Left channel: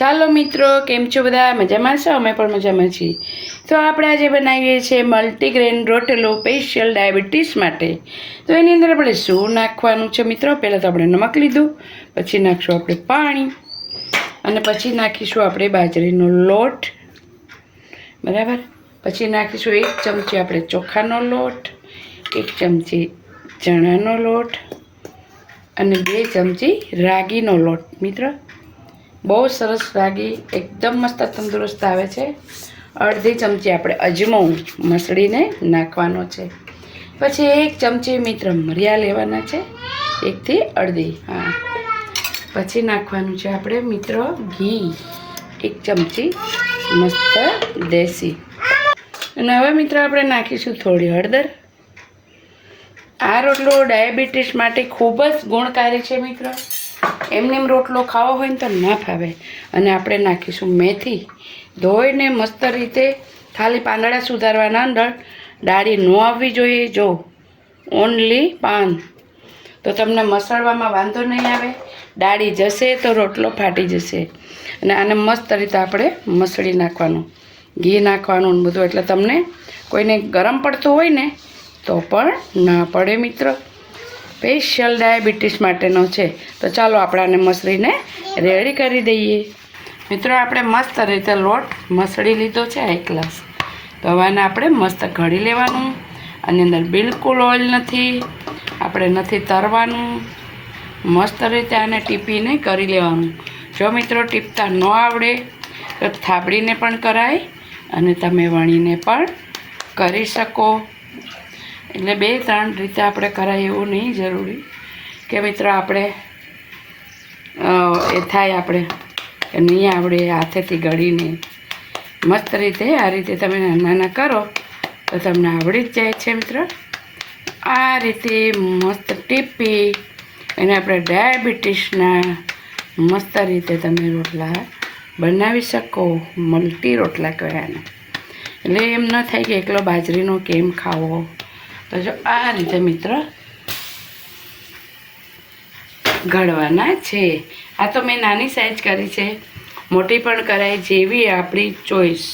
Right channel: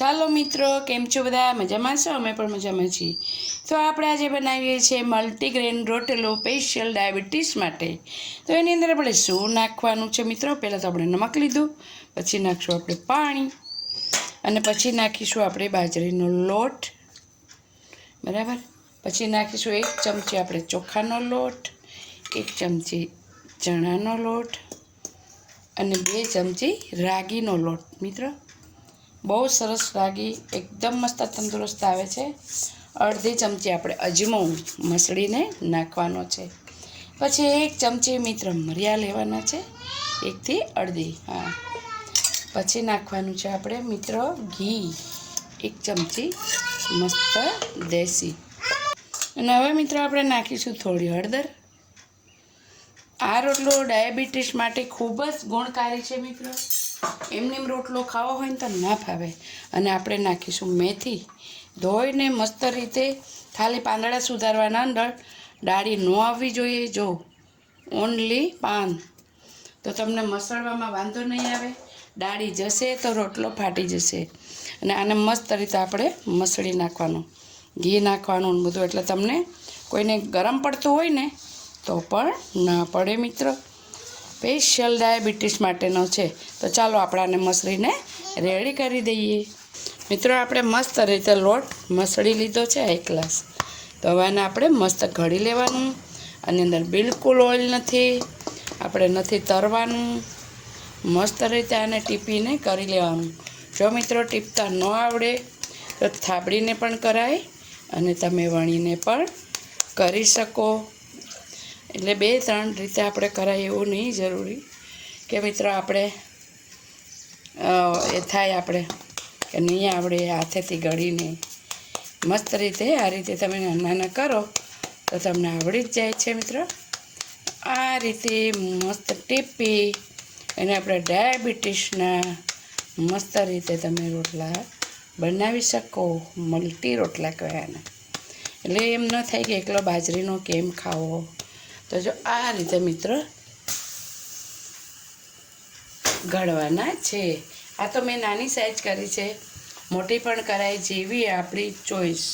ચાલો મિત્રો, કેમ છો બધા? મજામાં છો? અમે પણ મજામાં છીએ. તો આપણે આજે બનાવીએ છીએ મલ્ટીગ્રેન રોટલો સ્પેશિયલ ડાયાબિટીસ માટે. તો એની અંદર આપણે શું નાખવાનું છે મિત્રો? પહેલાં તો આપણે નમક લીધું, પછી નાખીશું આપણે પાણી, અને પછી નાખીશું આપણે બાજરીનો લોટ, બરાબર. પછી નાખીશું 1 ચમચી આપણે ચોખાનો લોટ, 1 ચમચી ચણાનો લોટ અને 2 ચમચી રાગીનો લોટ. મિત્રો, બહુ સરસ રાગી એકદમ મસ્ત તંદુરસ્ત આવે છે. અડધી ચમચી આપણે અજમો મસળીને નાખવાનો છે. પછી 1 ચમચી મિત્ર મરિયા લેવાના છે, 1 થી અડધી. હા, પછી નાખવાનું છે આપણે મિત્રો ઘી, 1 ચમચી મસ્ત દેશી. અને હવે મિત્રો આપણે નાખીશું થોડી હળદર. આ રોટલો ડાયાબિટીસ માટે ખૂબ જ ગુણકારી છે મિત્રો. એમનેમ રોટલો ખાવો હોય ને તો ના ફાવે. અને આપણે નાખીશું મેથી, ધોઈને મસ્ત રીતે ખાલી પાંદડા સુધારવાના, અંદર ડાળી ન આવવી જોઈએ. જો ઓનલી પાન, તો તમને મસળવામાં વાંધો નહીં આવે. ડાળી જશે તો રોટલો ફાટી જશે. અને આને મસ્ત રીતે આપણે મસળી નાખવાનું, ઘી નાખવાનું બધું, એટલે તમને કોઈને ગરમ પડતું હોય ને તો પણ ના પડે મિત્રો. સ્પેશિયલ ડાયાબિટીસ માટેનો છે. તો ચાલો આપણે આને મસળીને રેડી કરી દઈએ. મિત્રો, આપણે મસ્ત રીતે લોટ મસળી લીધો છે 1 ગ્લાસ. તો હવે આને આપણે મસ્ત ઘડી લેવાનું. આની અંદર બિલકુલ ઓઇલ નથી, આપણે નથી તરવાનું. મસ્ત રીતે આને ટીપીને કરી લેવાનું. જો મિત્રો ટીપતા ન આવડે તો થાબડીને પણ કરાય અને તમે વણીને પણ કરી શકો. એટલે 2-3 રીતે આપણે કરાય એવું નહીં જરૂરી કે મિત્રો આપણે એ થાય આપણે નહીં આવડે હાથેથી ગળીને. મસ્ત રીતે આ રીતે તમે નાના કરો તો તમને આવડી જ જાય છે મિત્રો. આ રીતે મસ્ત ટીપી એને આપણે ડાયાબિટીસના મસ્ત રીતે તમે રોટલા બનાવી શકો. મલ્ટી રોટલા કહેવાય આને. એટલે એમ ન થાય કે એકલો બાજરીનો કેમ ખાવો. તો જો આ રીતે મિત્ર ઘડવાના છે. આ તો મેં નાની સાઈઝ કરી છે, મોટી પણ કરાય, જેવી આપણી ચોઈસ.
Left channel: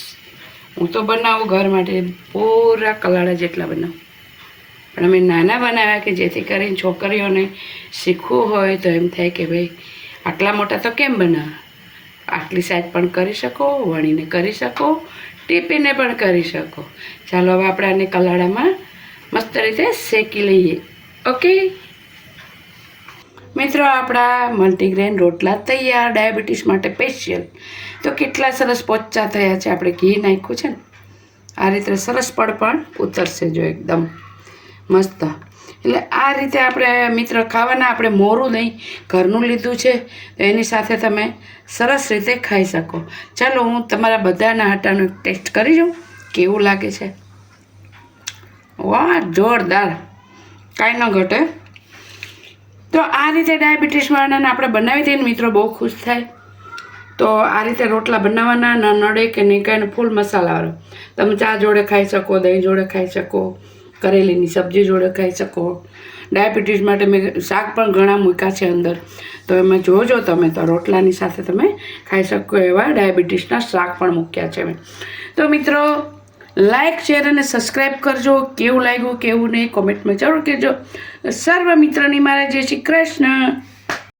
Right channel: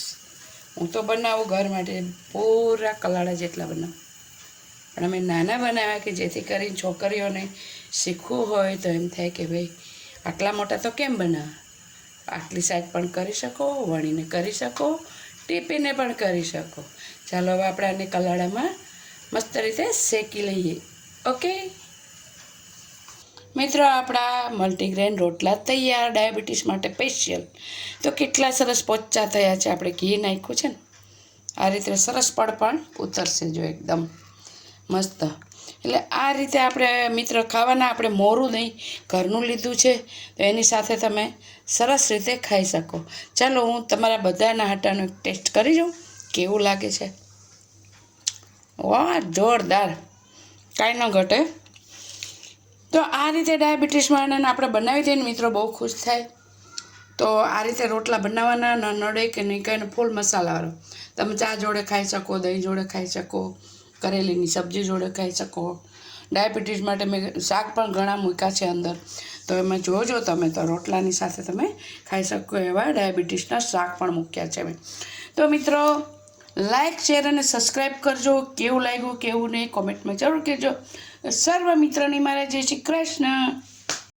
હું તો બનાવું ઘર માટે પૂરા કલાડા જેટલા બનાવું, પણ અમે નાના બનાવ્યા કે જેથી કરીને છોકરીઓને શીખવું હોય તો એમ થાય કે ભાઈ આટલા મોટા તો કેમ બનાવવા. આટલી સાઈઝ પણ કરી શકો, વણીને કરી શકો, ટીપીને પણ કરી શકો. ચાલો હવે આપણે આને કલાડામાં મસ્ત રીતે શેકી લઈએ. ઓકે મિત્રો, આપણા મલ્ટીગ્રેન રોટલા તૈયાર ડાયાબિટીસ માટે સ્પેશિયલ. તો કેટલા સરસ પોચા થયા છે. આપણે ઘી નાખ્યું છે ને, આ રીતે સરસ પડ પણ ઉતરશે જો એકદમ મસ્ત. એટલે આ રીતે આપણે મિત્ર ખાવાના. આપણે મોરું નહીં, ઘરનું લીધું છે, તો એની સાથે તમે સરસ રીતે ખાઈ શકો. ચાલો હું તમારા બધાના હાટાનો એક ટેસ્ટ કરી જાઉં કેવું લાગે છે. વાહ, જોરદાર, કાંઈ ન ઘટે. તો આ રીતે ડાયાબિટીસ વાળાને આપણે બનાવી દઈએ ને મિત્રો, બહુ ખુશ થાય. તો આ રીતે રોટલા બનાવવાના, ન નડે કે નહીં કાંઈ. ફૂલ મસાલાવાળો તમે ચા જોડે ખાઈ શકો, દહીં જોડે ખાઈ શકો, કરેલીની સબ્જી જોડે ખાઈ શકો. ડાયાબિટીસ માટે મેં શાક પણ ઘણા મૂક્યા છે અંદર, તો એમાં જોજો તમે. તો રોટલાની સાથે તમે ખાઈ શકો એવા ડાયાબિટીસના શાક પણ મૂક્યા છે મેં. તો મિત્રો, લાઇક, શેર અને સબસ્ક્રાઈબ કરજો. કેવું લાગ્યું કેવું નહીં કોમેન્ટમાં જરૂર કહેજો. સર્વ મિત્રોની મારા જય શ્રી કૃષ્ણ.